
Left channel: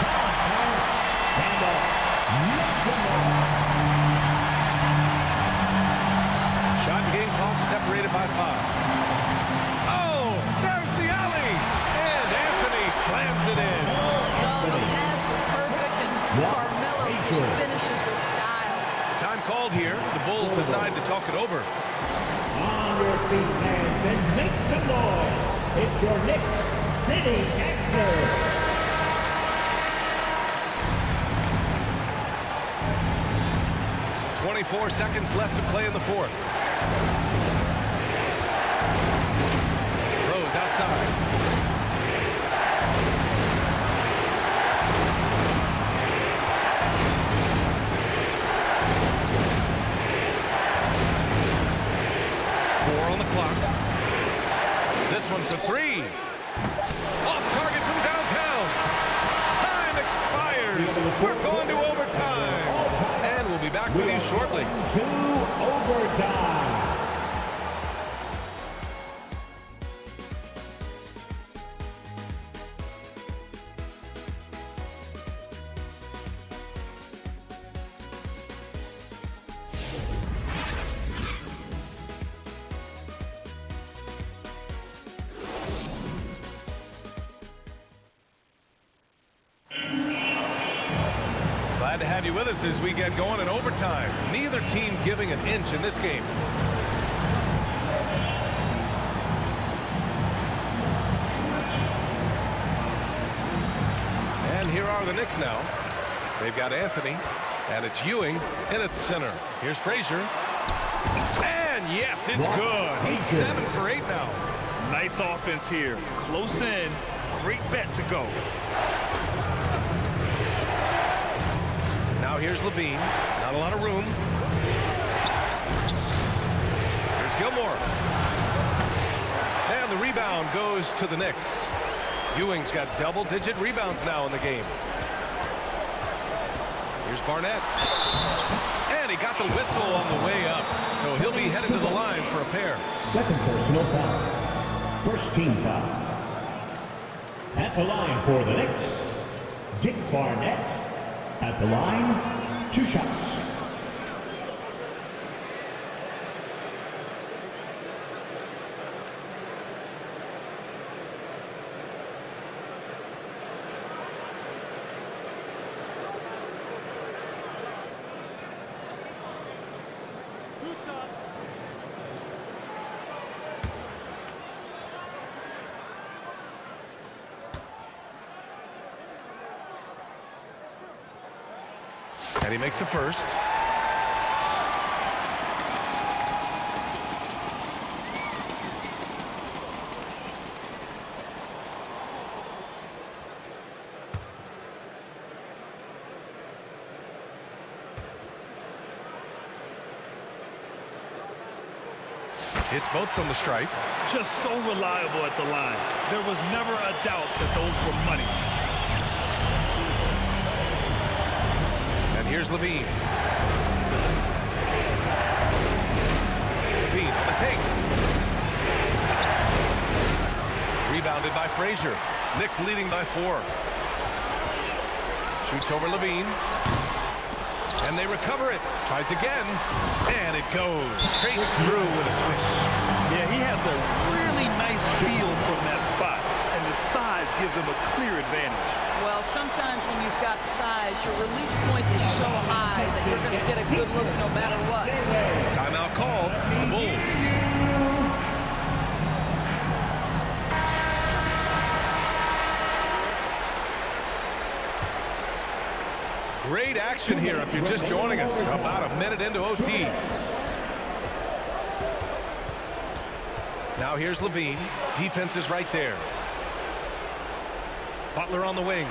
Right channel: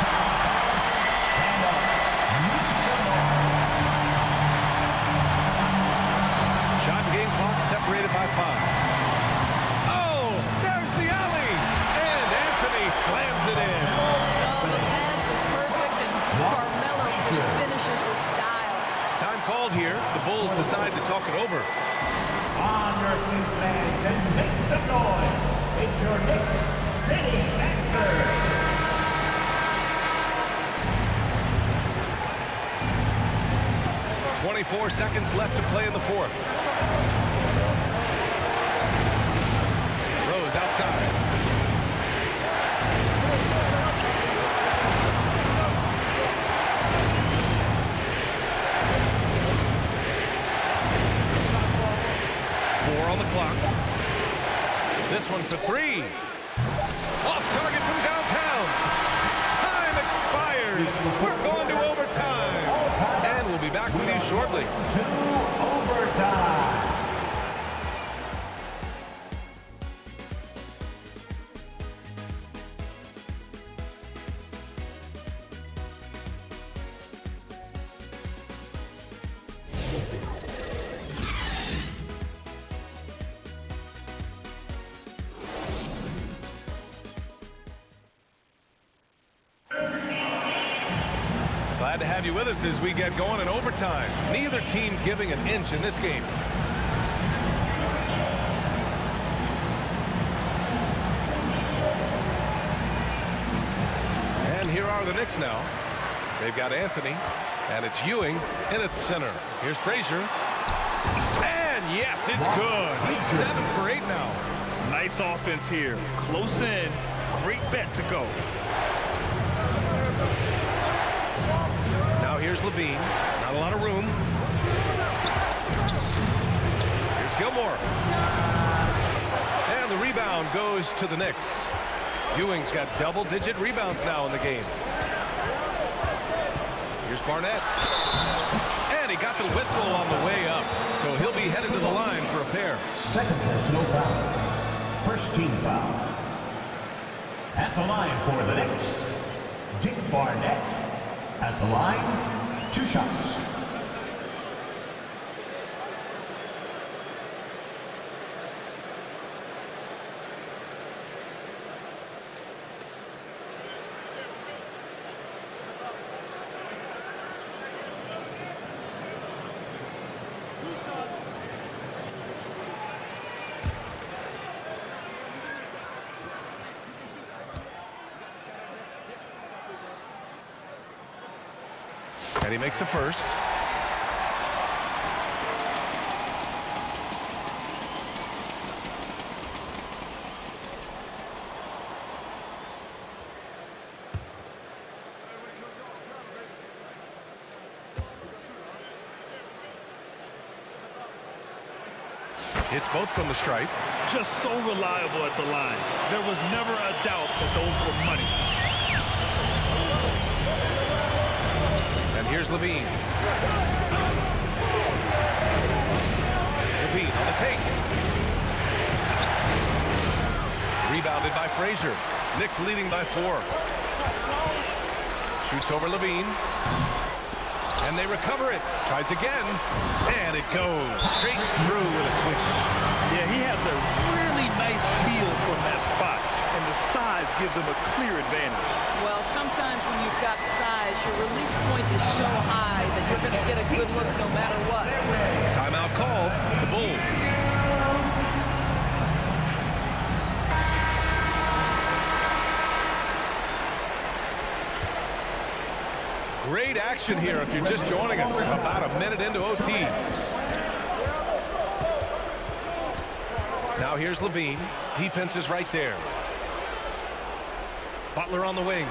Come on, fans, stand up. Make some noise. Shot and game clock separated by 5. Oh, there's the alley. And Anthony slams it in. Oh, the pass was perfect, and Carmelo just finishes with style. Time called here. The Bulls decide to talk it over. On your feet, fans, and make some noise. It's your Knicks city answer. .24 seconds left to play in the fourth. Rose outside. On the clock. This one for 3. Off target from downtown. Time expires. We're going to overtime. And we'll be back with you shortly. To overtime. Glad to have you with us as we get going in overtime. Neither team giving an inch in this game. And here are the Knicks now. They've got Anthony, and it's Ewing in at center. Here's Frazier. And yes, it's good. He's 7 for 8 now. Nice offense here. Close in. Great bet to go. Now here's Levine. Not a lot of room. Here's Gilmore. And the rebound goes to the Knicks. Ewing's got double-digit rebounds now in the game. Here's Barnett. And he got the whistle on the way up. So he'll be headed to the line for a pair. Second personal foul. First team foul. At the line for the Knicks, Dick Barnett. At the line, 2 shots. And he makes the first. Hits both from the stripe. Just so reliable at the line. There was never a doubt that those were money. And here's Levine. Levine on the take. Rebounded by Frazier. Knicks leading by 4. Shoots over Levine. And they recover it. Tries again. And it goes straight through with a swish. Yeah, he has a really nice feel from that spot. And the size gives him a clear advantage. Well, sometimes when you've got size, your release point is so high that you're going to get a good look no matter what. Timeout called. The Bulls. Great action here if you're just joining us. About a minute into OT. Now here's Levine. Defense is right there. Butler on the wing.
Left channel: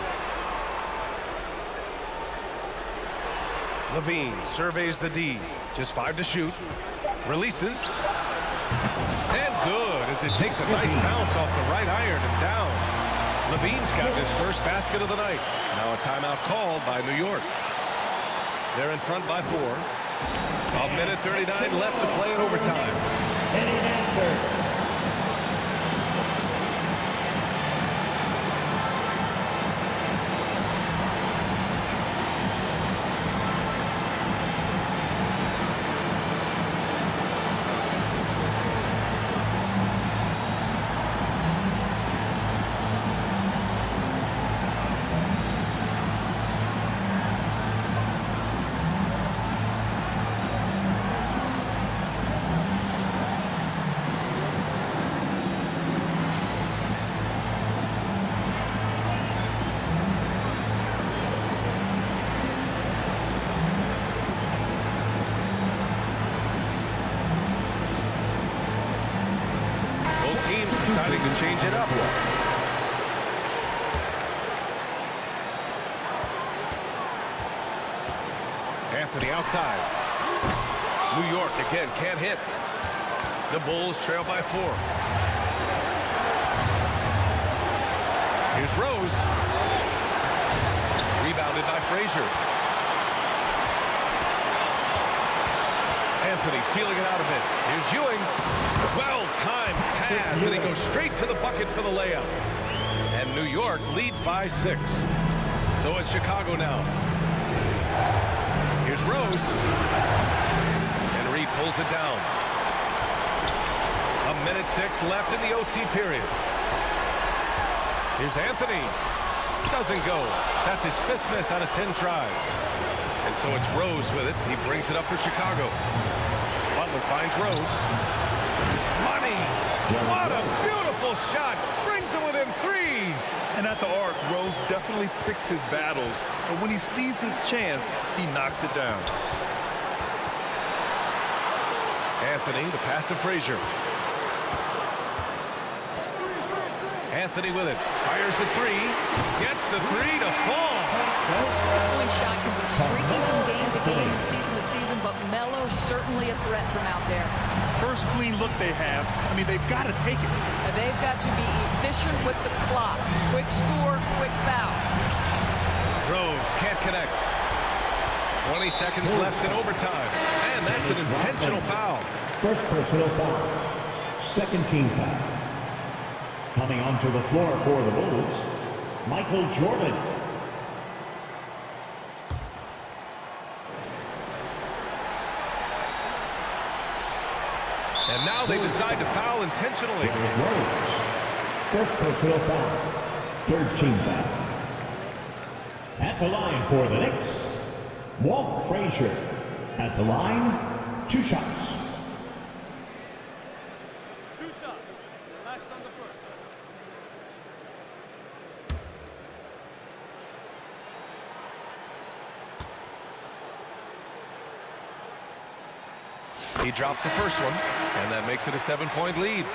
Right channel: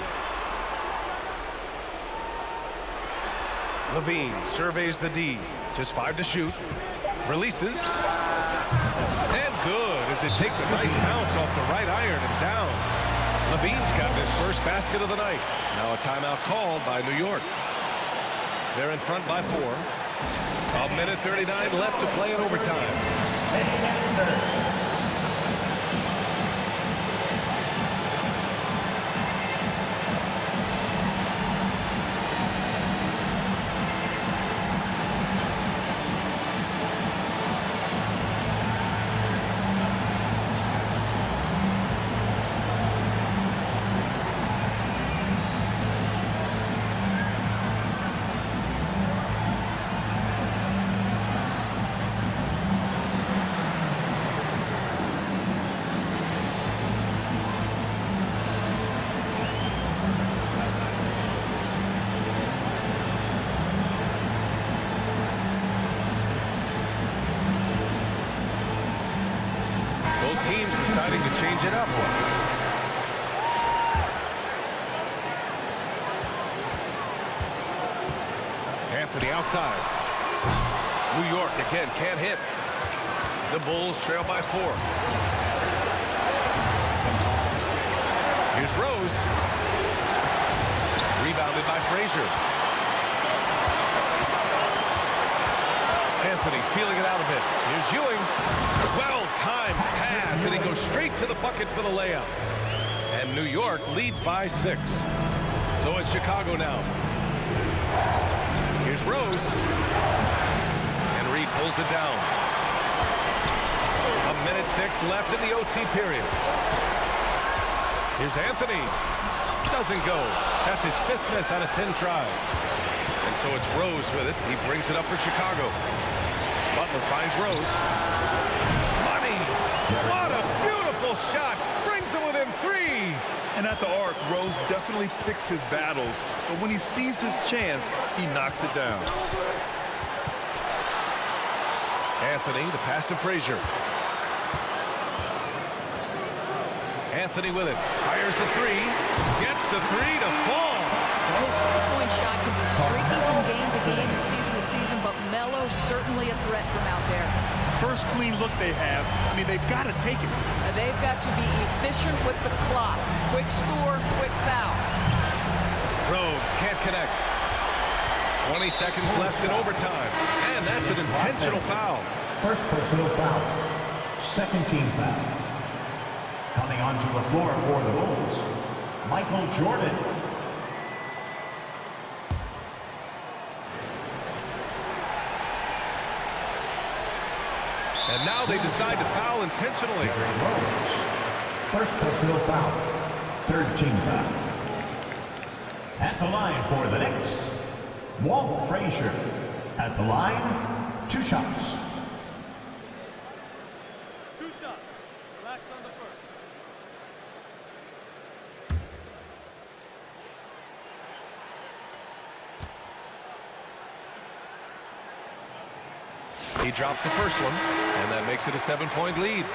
Levine surveys the D. Just 5 to shoot. Releases. And good as it takes a nice bounce off the right iron and down. Levine's got his first basket of the night. Now a timeout called by New York. They're in front by 4. A minute 39 left to play in overtime. Both teams deciding to change it up. Anthony outside. New York again can't hit. The Bulls trail by 4. Here's Rose. Rebounded by Frazier. Anthony feeling it out a bit. Here's Ewing. Well-timed pass, and he goes straight to the bucket for the layup. And New York leads by 6. So it's Chicago now. Here's Rose. And Reed pulls it down. A minute 6 left in the OT period. Here's Anthony. Doesn't go. That's his 5th miss out of 10 tries. And so it's Rose with it. He brings it up for Chicago. Butler finds Rose. Money! What a beautiful shot! Brings him within 3! And at the arc, Rose definitely picks his battles, but when he sees his chance, he knocks it down. Anthony, the pass to Frazier. Anthony with it. Fires the three. Gets the three to fall. His three-point shot can be streaky from game to game and season to season, but Melo's certainly a threat from out there. First clean look they have. I mean, they've got to take it. And they've got to be efficient with the clock. Quick score, quick foul. Rose can't connect. 20 seconds left in overtime. And that's an intentional foul. First personal foul. Second team foul. Coming onto the floor for the Bulls, Michael Jordan. And now they decide to foul intentionally. Rose. First personal foul. Third team foul. At the line for the Knicks, Walt Frazier. At the line, 2 shots. 2 shots. Relax on the first. He drops the first one, and that makes it a 7-point lead.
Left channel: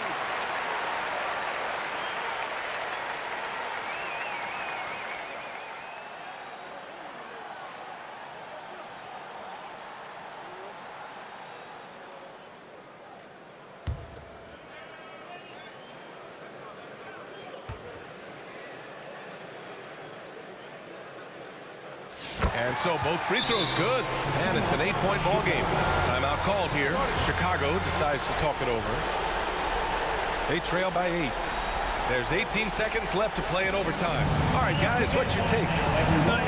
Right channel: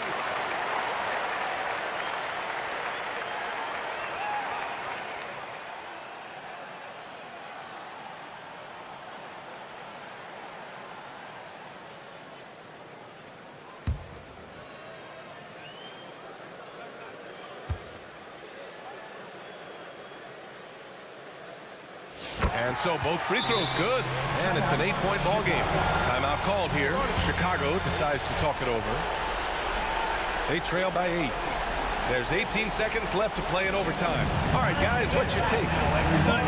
And so both free throws good, and it's an 8-point ball game. Timeout called here. Chicago decides to talk it over. They trail by 8. There's 18 seconds left to play in overtime. All right, guys, what's your take?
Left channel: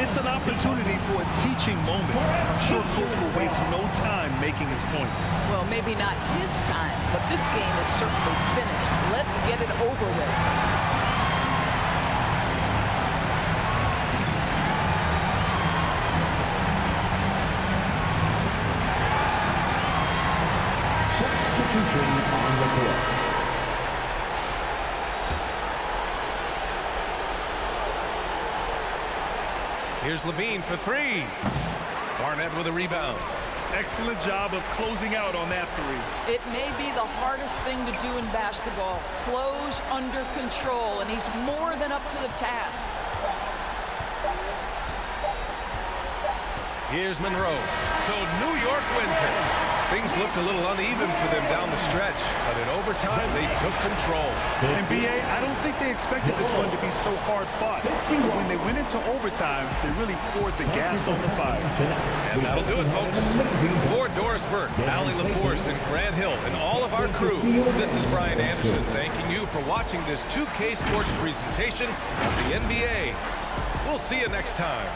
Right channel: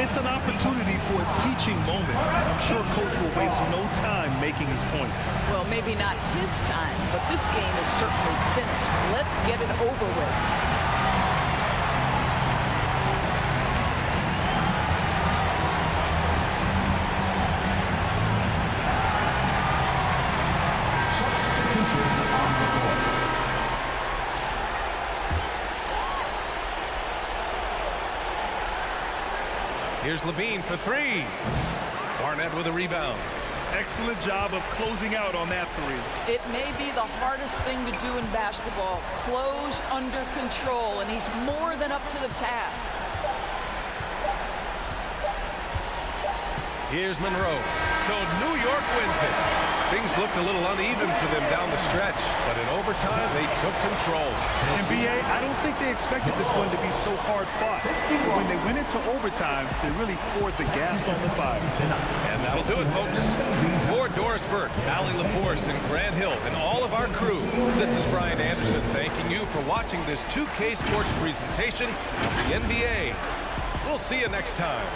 It's an opportunity for a teaching moment. I'm sure Coach will waste no time making his points. Well, maybe not his time, but this game is certainly finished. Let's get it over with. On the court. Here's Levine for 3. Barnett with a rebound. Excellent job of closing out on that 3. It may be the hardest thing to do in basketball. Close under control, and he's more than up to the task. Here's Monroe. So New York wins it. Things looked a little uneven for them down the stretch, but in overtime, they took control. And B.A., I don't think they expected this one to be so hard-fought. But when they went into overtime, they really poured the gas on the fire. And that'll do it, folks. For Doris Burke, Allie LaForce, and Grant Hill, and all of our crew, this is Brian Anderson thanking you for watching this 2K Sports presentation of the NBA. We'll see you next time.